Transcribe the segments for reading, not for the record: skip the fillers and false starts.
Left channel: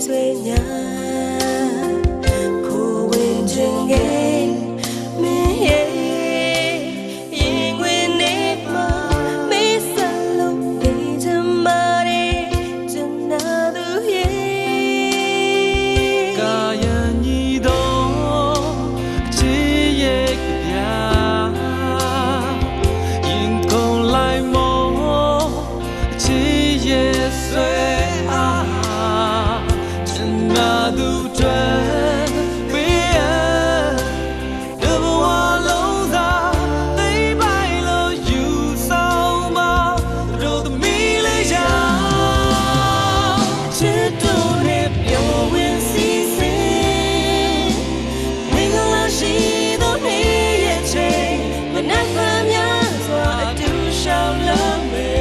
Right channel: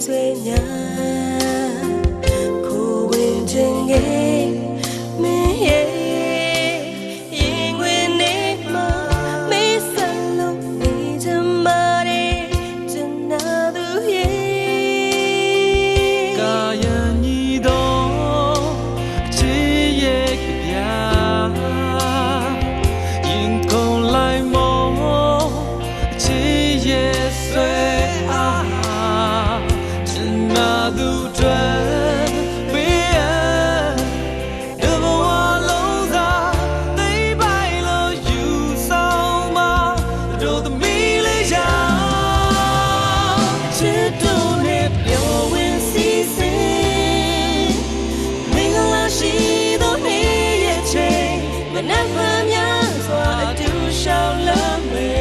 sueña Cohen chenge me Yingwen ma me salo ni jamare janadu ye Kayan ni do chi ye kya yin kong lai mo chi ye sue janadu dwan be the one long za they by lo you so ma do the me le ya Chito ne pyo win si se Mingala shi do ne ye che Manapa mya swa adu shao la me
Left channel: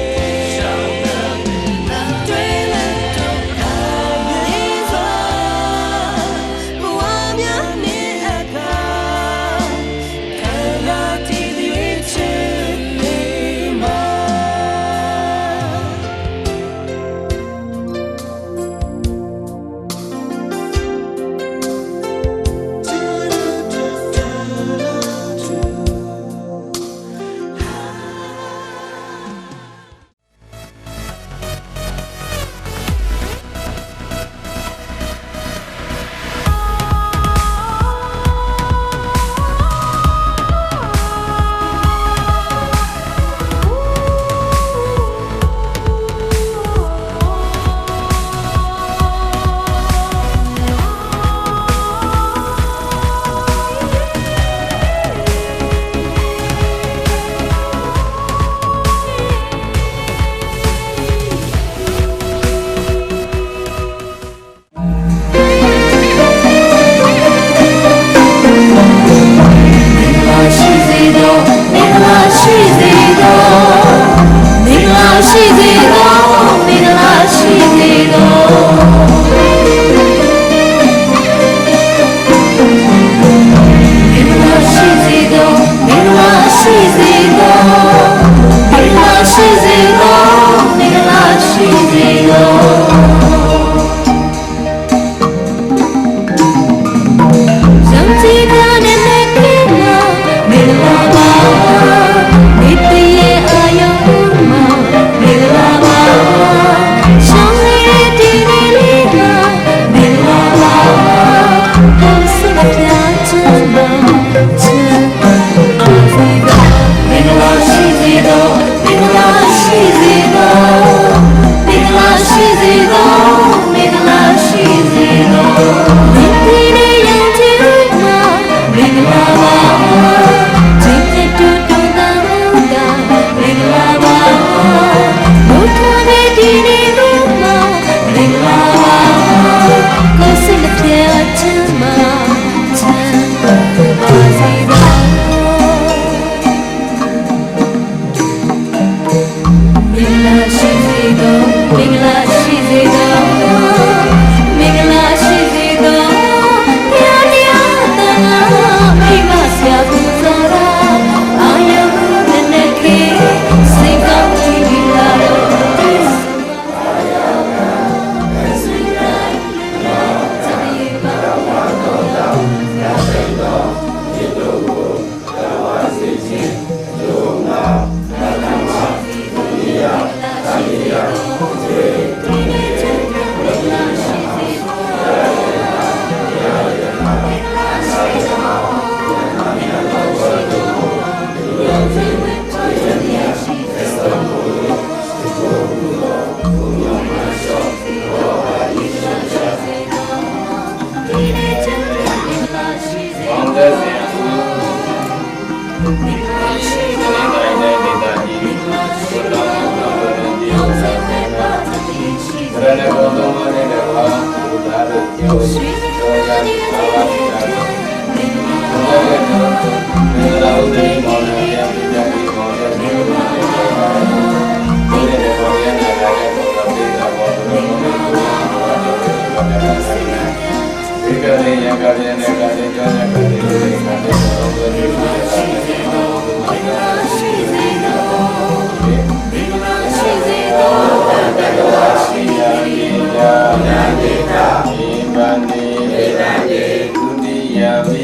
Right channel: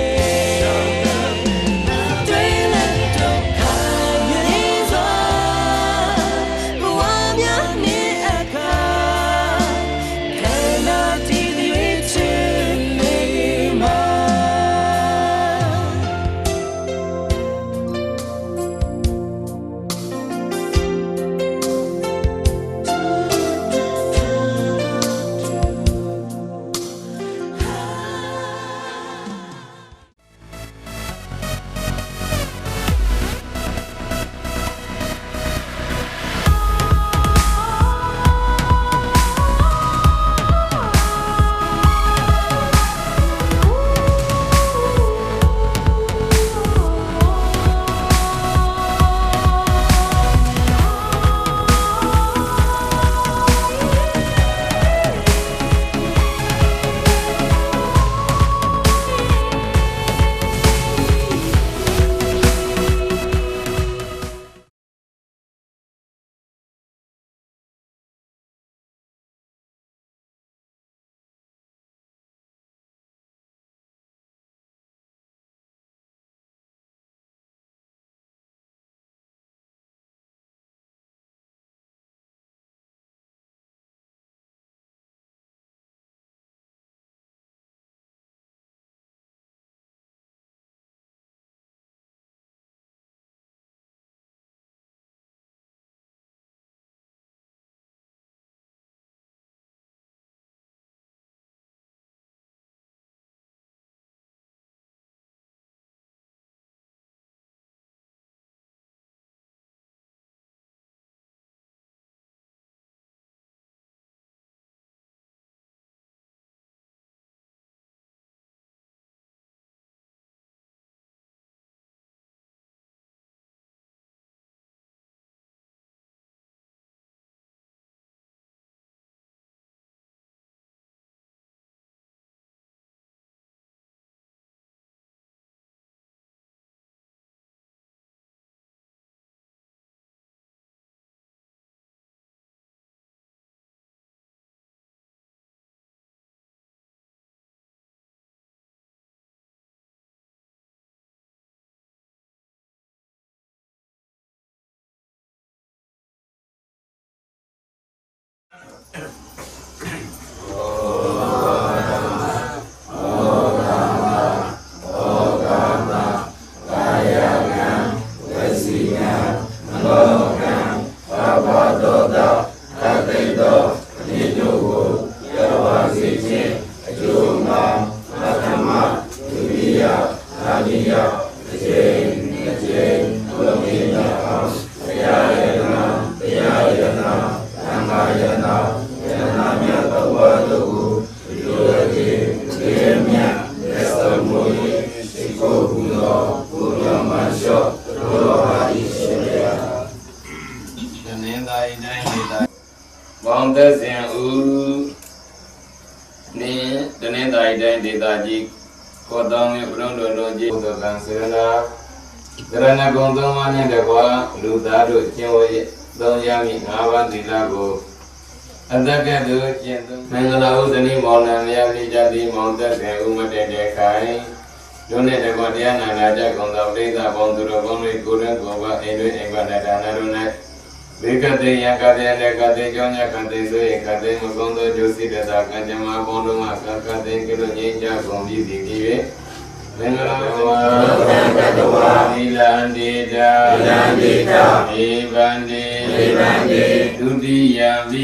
ဒုတိယမိ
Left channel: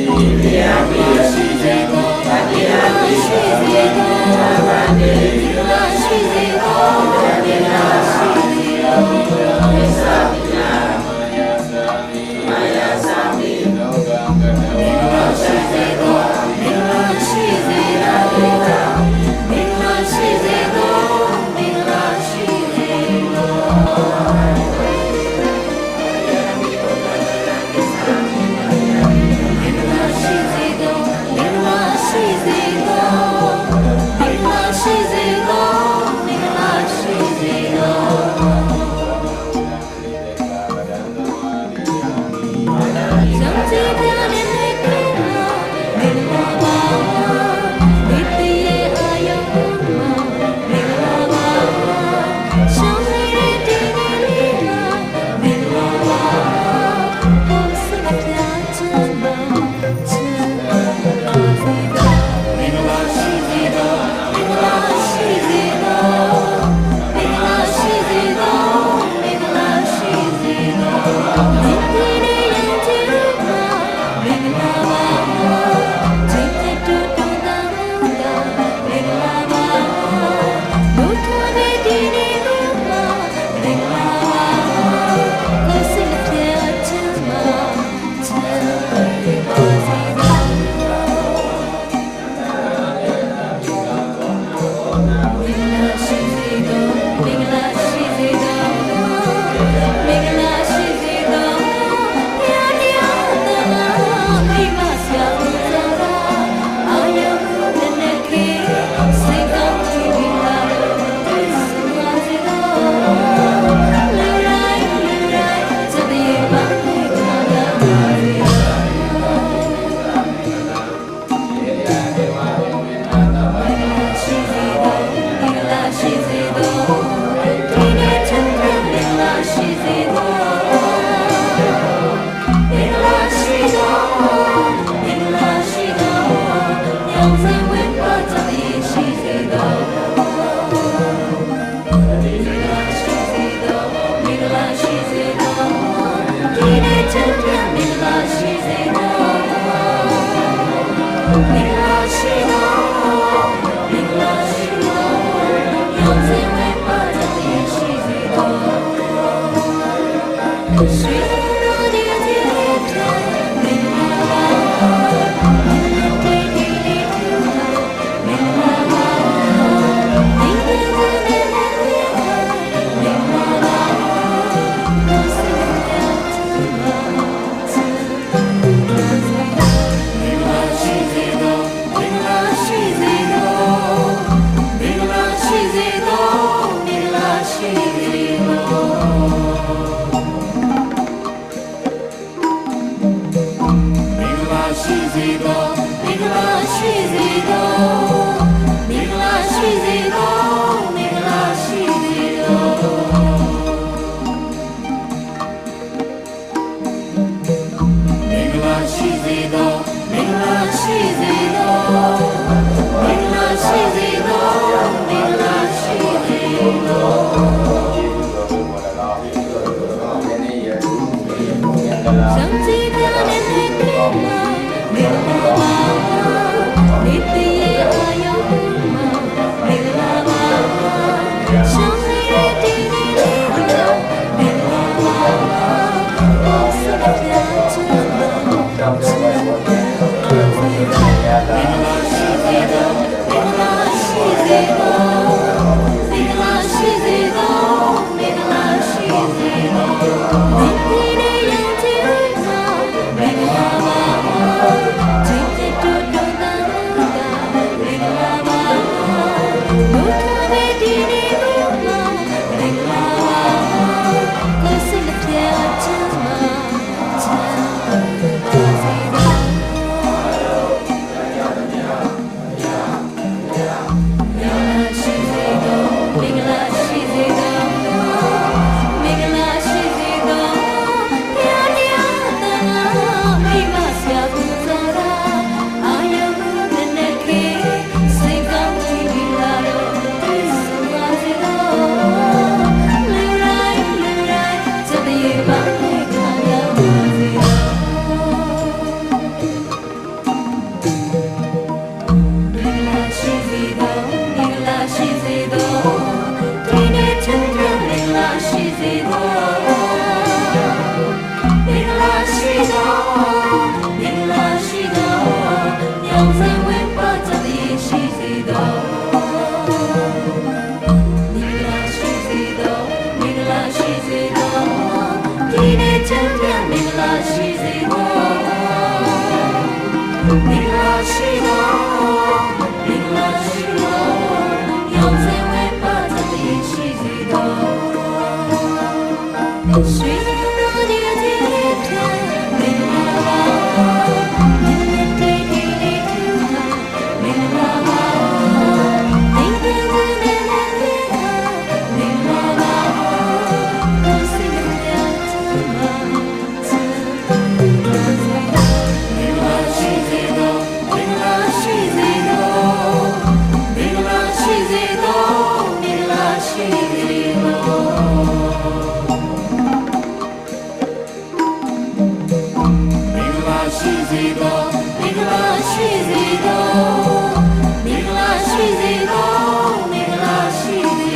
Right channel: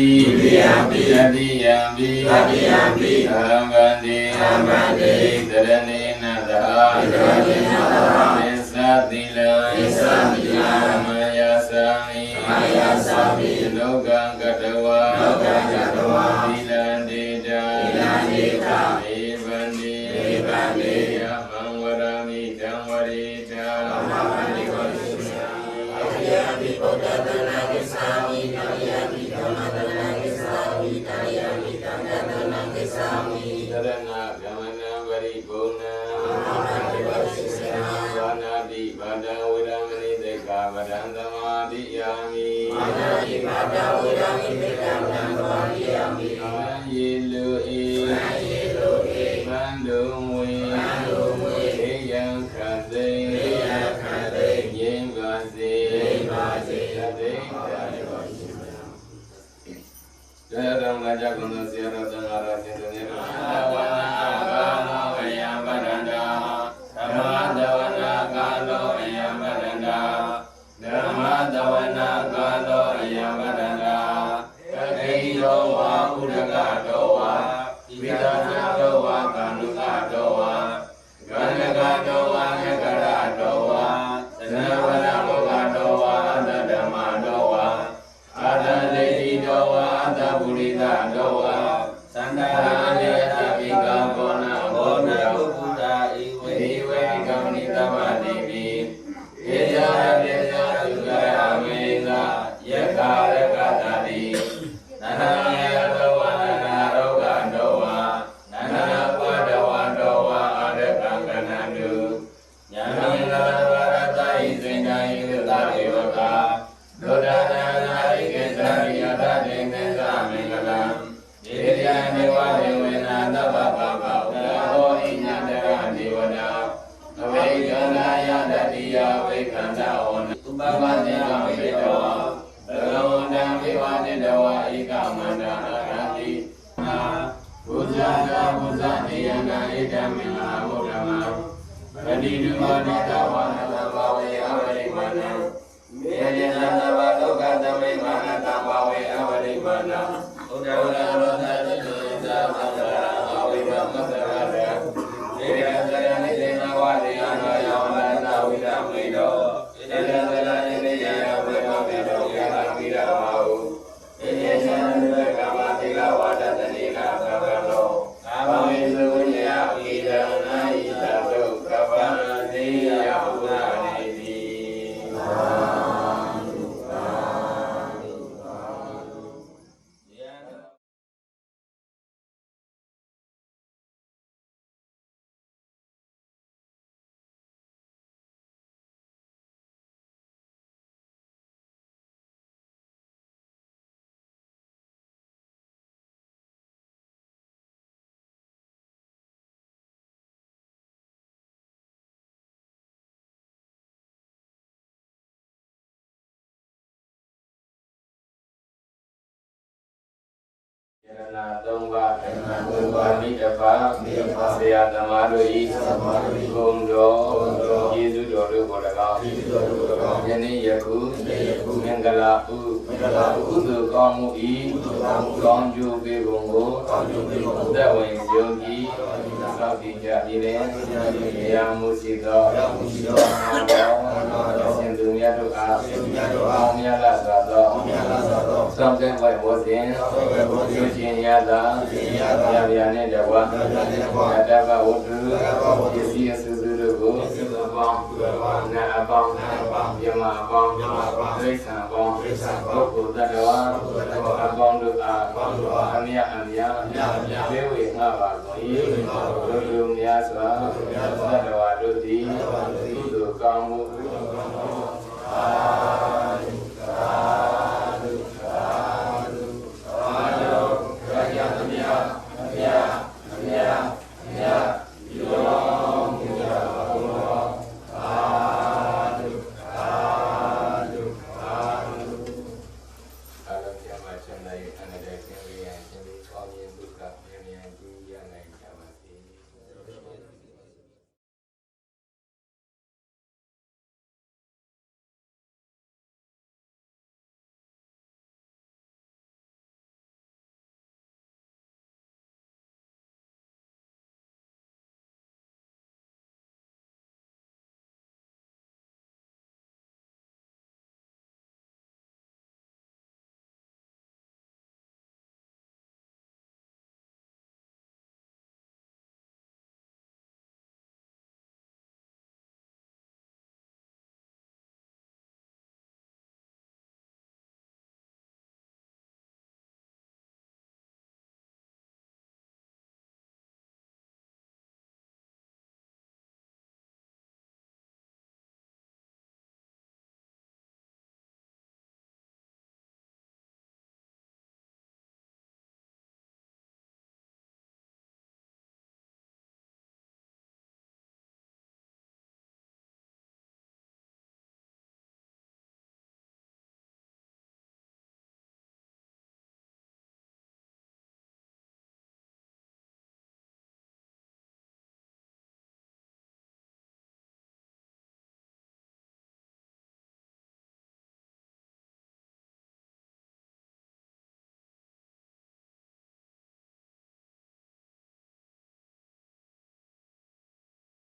တတိယမိသတိယမိသမ္ပန္တိဒရဏိနာသီလမယသာမိလောကံကတဝါသီလတိတာ Hãy subscribe cho kênh Ghiền Mì Gõ để không bỏ lỡ ချမ်းသာမင်္ဂလာရှိစေသောမင်္ဂလာရှိသောမင်္ဂလာရှိသောရောင်စင်ဝဲပါသတည်းရှိစေသောရွှေတော်ဒီဒီထမင်္ဂလာပါမင်္ဂလာတေးဒီဒီထမင်္ဂလာပါမင်္ဂလာနဲ့မင်္ဂလာပါကိုစိတ်ရချမ်းသာမင်္ဂလာရှိစေသောမင်္ဂလာရှိစေသောမင်္ဂလာရှိစေသောမင်္ဂလာရှိစေသောမင်္ဂလာရှိစေသောမင်္ဂလာရှိစေသောမင်္ဂလာရှိစေသောမင်္ဂလာရှိစေ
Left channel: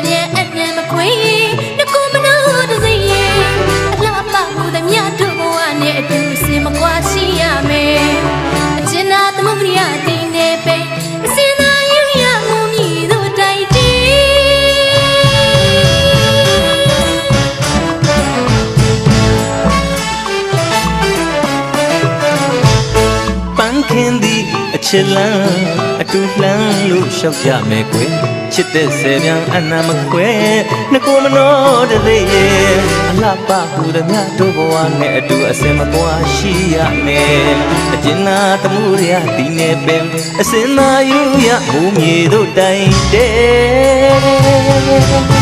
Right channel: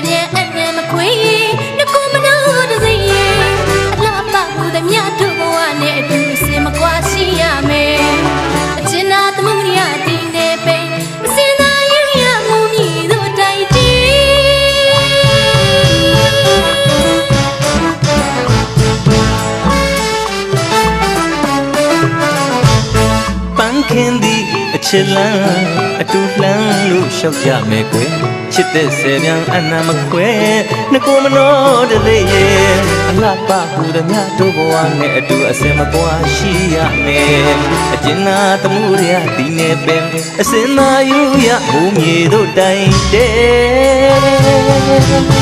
bien anh em mà quê nó cũng mà nó được gì là ba mù đã nhát đồ anh em tu xem mà qua xí à mẹ trên na tấm mông đi à tin nè bé xin na yêu ya mù mi đồ đại đi ခင်သည်အချစ်လန်းအတူလှမ်းလို့ရှောက်ကြမယ်ကွယ်ချစ်တဲ့ဆယ်ပြန်အနာမခွဲနှကိုမနှောတသေးရဲ့အလှပဟူသည်များတို့ဘဝနဲ့အတူအစင်မကွာရှိရမယ်အကျဉ်းနာတမှုရဒီနေပင်အစင်သာယူရဘုံမြေတို့တိုင်တဲ့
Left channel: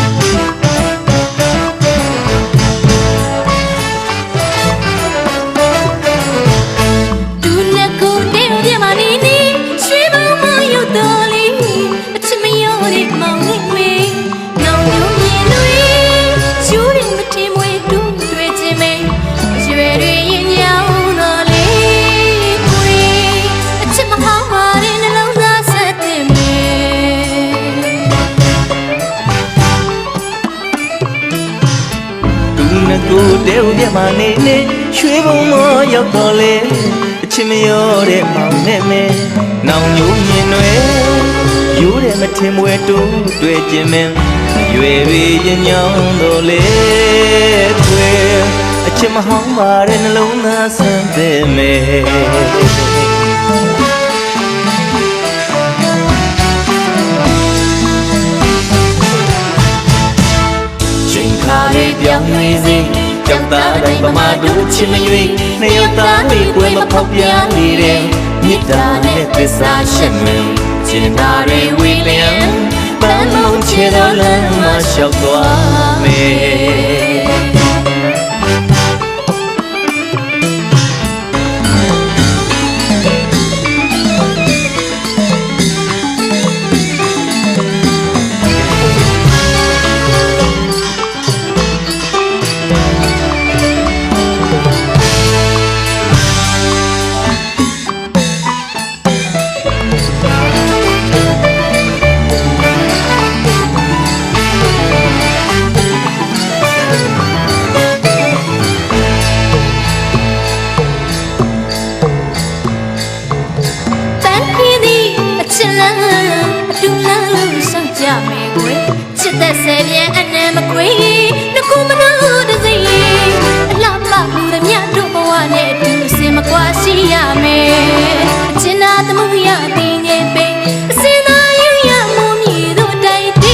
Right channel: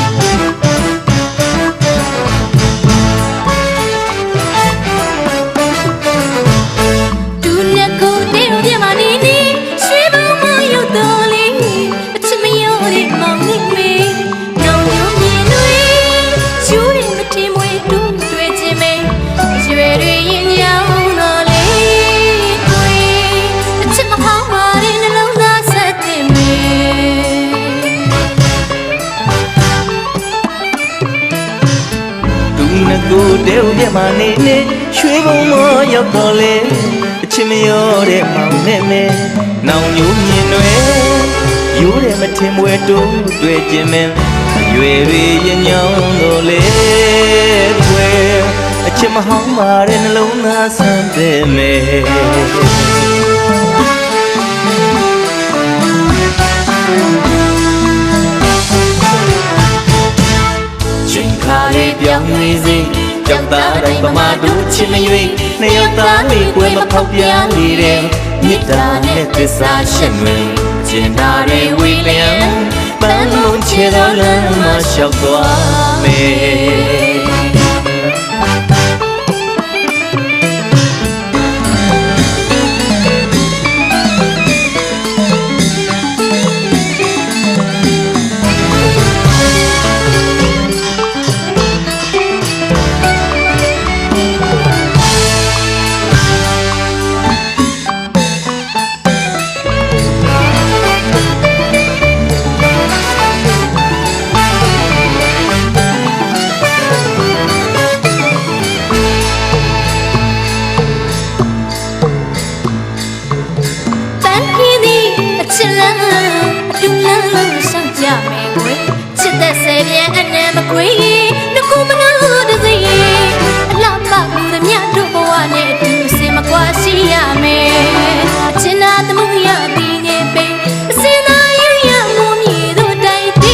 ကိုတဲဦးပြမနေနေရွှေဘုံမရောက်တော့လေအချစ်မရောတဲ့မောင်နဲ့မဲနောင်ညိုမြင်တွေရိုးတယ်မထင်မွယ်တိုးတွေ့ခြင်းမင်းရွယ်တွေရင်ညောင်းတော့လေခွဲအချစ်မဟောင်းပါတဲ့နှလုံးသားဆန်းတဲ့မဲပြောင်းနေစေကြောက်သားတိုင်းပမာတို့ချစ်မရွေနှစ်ယောက်သားလေးကွယ်မဖောက်ပြနေတဲ့မြစ်တာနဲ့သစ္စာရှင်တွင်ကျင်တာတွေဝေလျံပန်းလုံးချေတော်လမ်းမှာလျှောက်သွားမယ်ချစ်တဲ့ဆယ်ပြန်အနံမခွေနှကူမနှောတစေအလှပမှုသည်မြတ်တို့ဘဝနဲ့အတူစင်မကွာရှိရမယ်အချင်းနာသမှုရသည်ငယ်ပိအစင်သာယူရမှုမြည်တို့တိုက်တ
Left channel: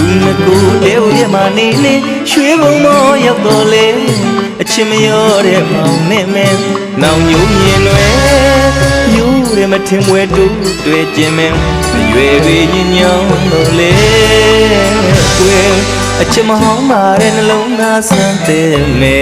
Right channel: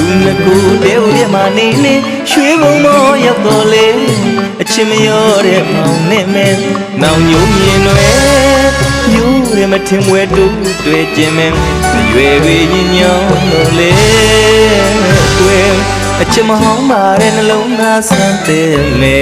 ူနှကူတဲဦးပြမနေနေရွှေဘုံမရောက်တော့လေအချစ်မရောတဲ့မောင်နဲ့မဲနောင်ညိုမြင်တွေယူရမထင်မွယ်တူတွေ့ခြင်းမင်းရွယ်တွေညညောင်းလို့လေကွယ်အချစ်မဟောင်းပါတဲ့နှလုံးသားဆန်းတဲ့မဲ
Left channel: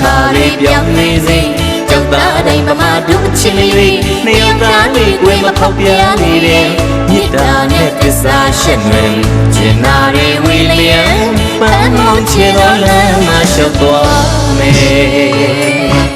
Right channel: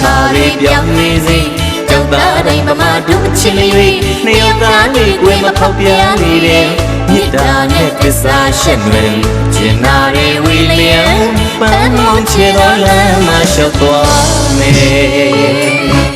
ခါလေးပြောင်းနေစေကြောက်သားတိုင်းပမာတို့ချစ်မရွေနှစ်ယောက်သားလေးကွယ်မဖောက်ပြနေတဲ့မြစ်တာနဲ့သစ္စာရှင်တွင်ကျင်နာတွေဝေလျံပန်းမုံချေတော်လမ်းမှာလျှောက်သွားမယ်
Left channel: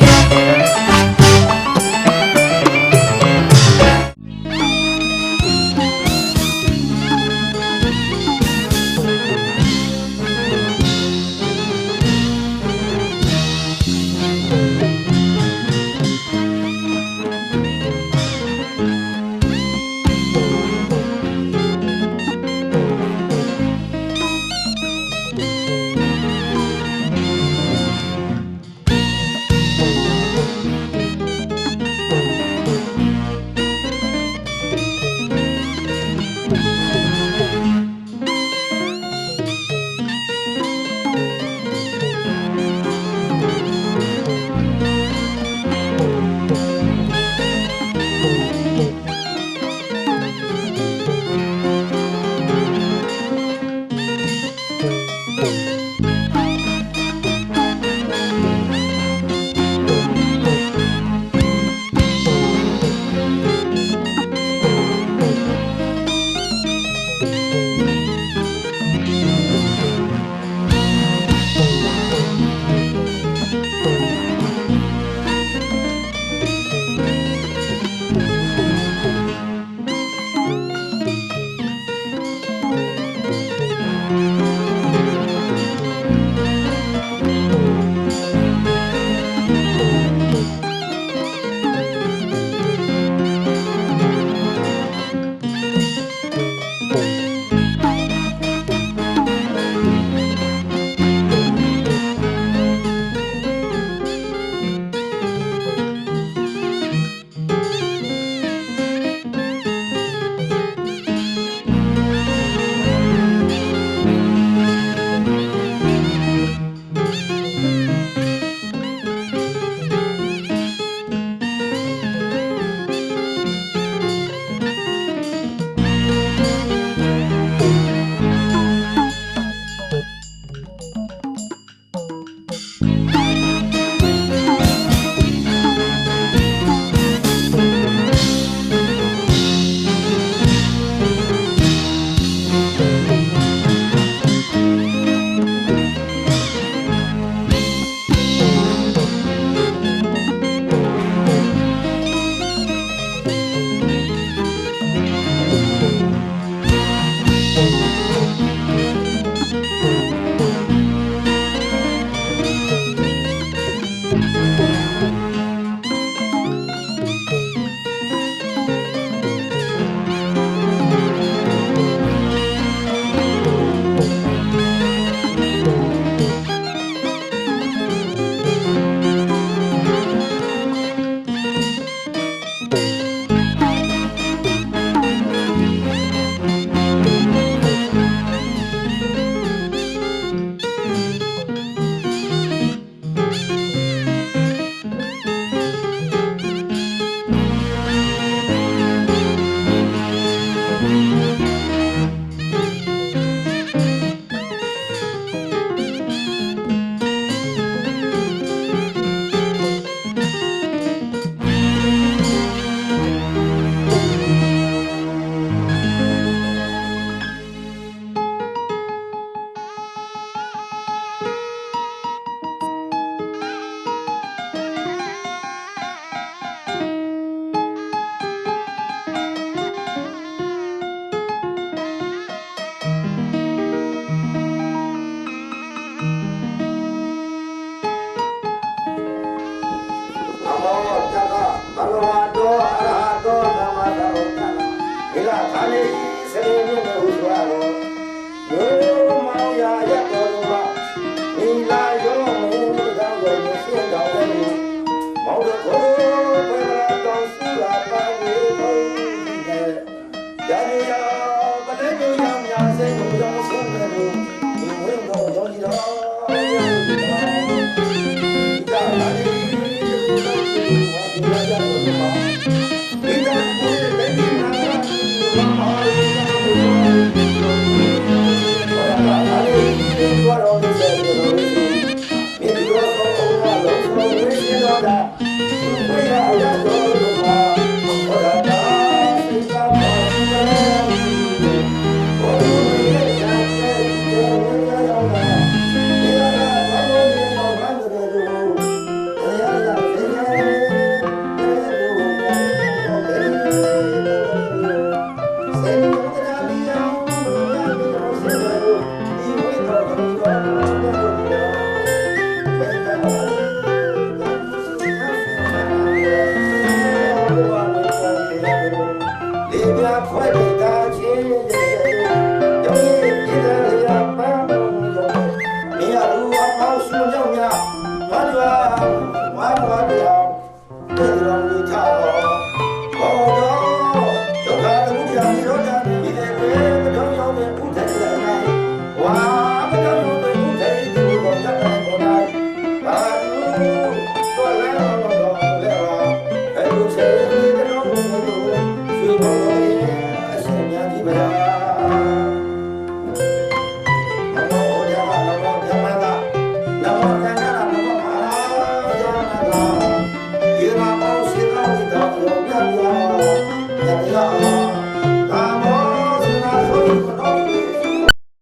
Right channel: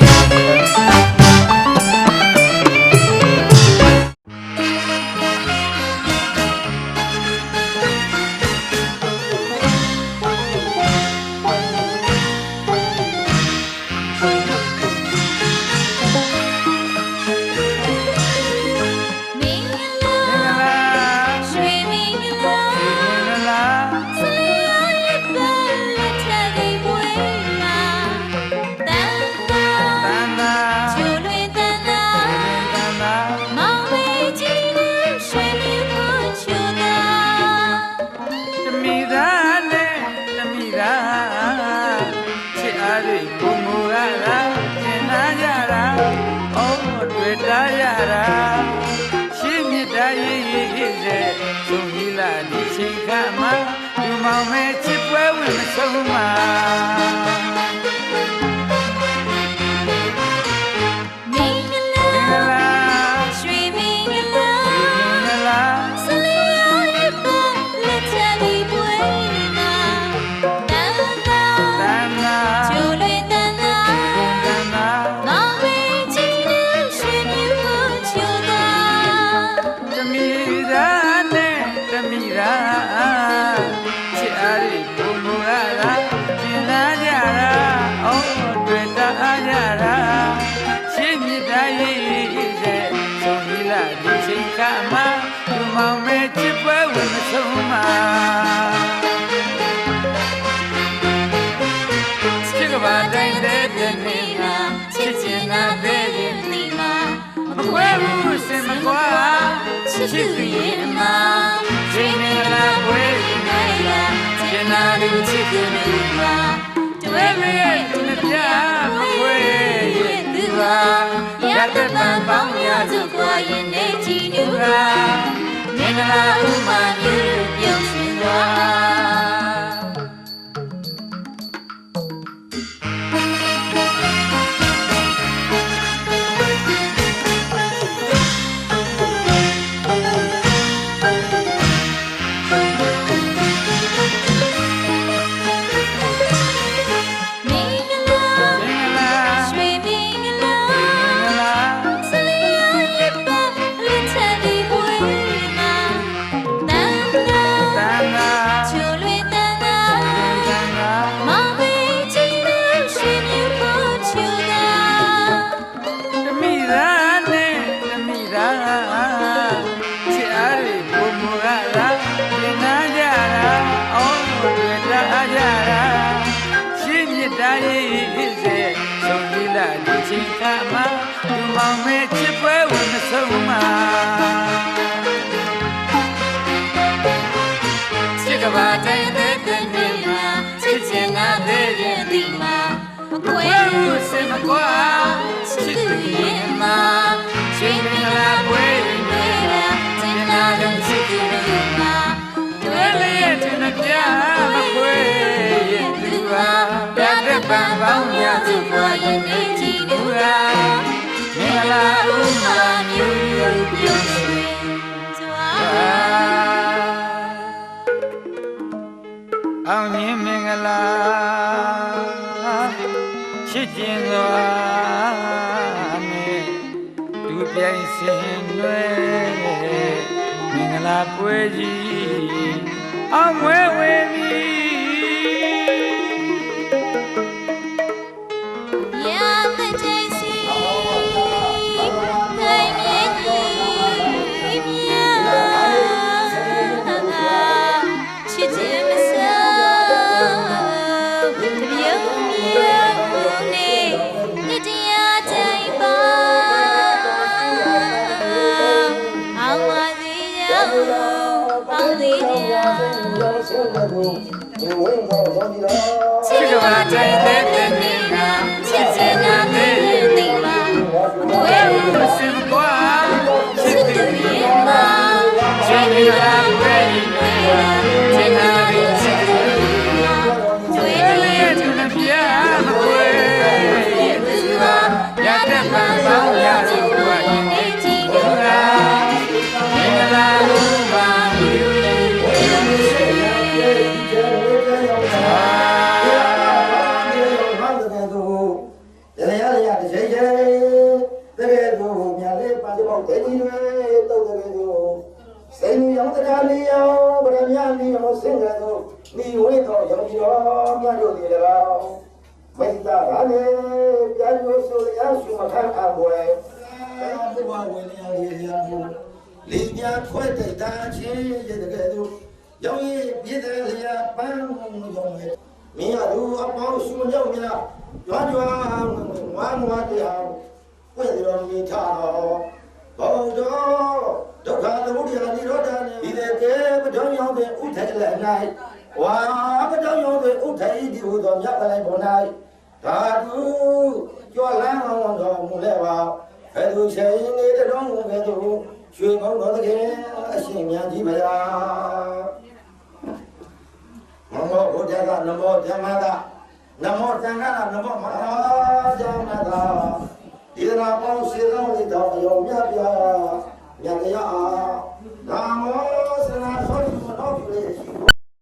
Yeah.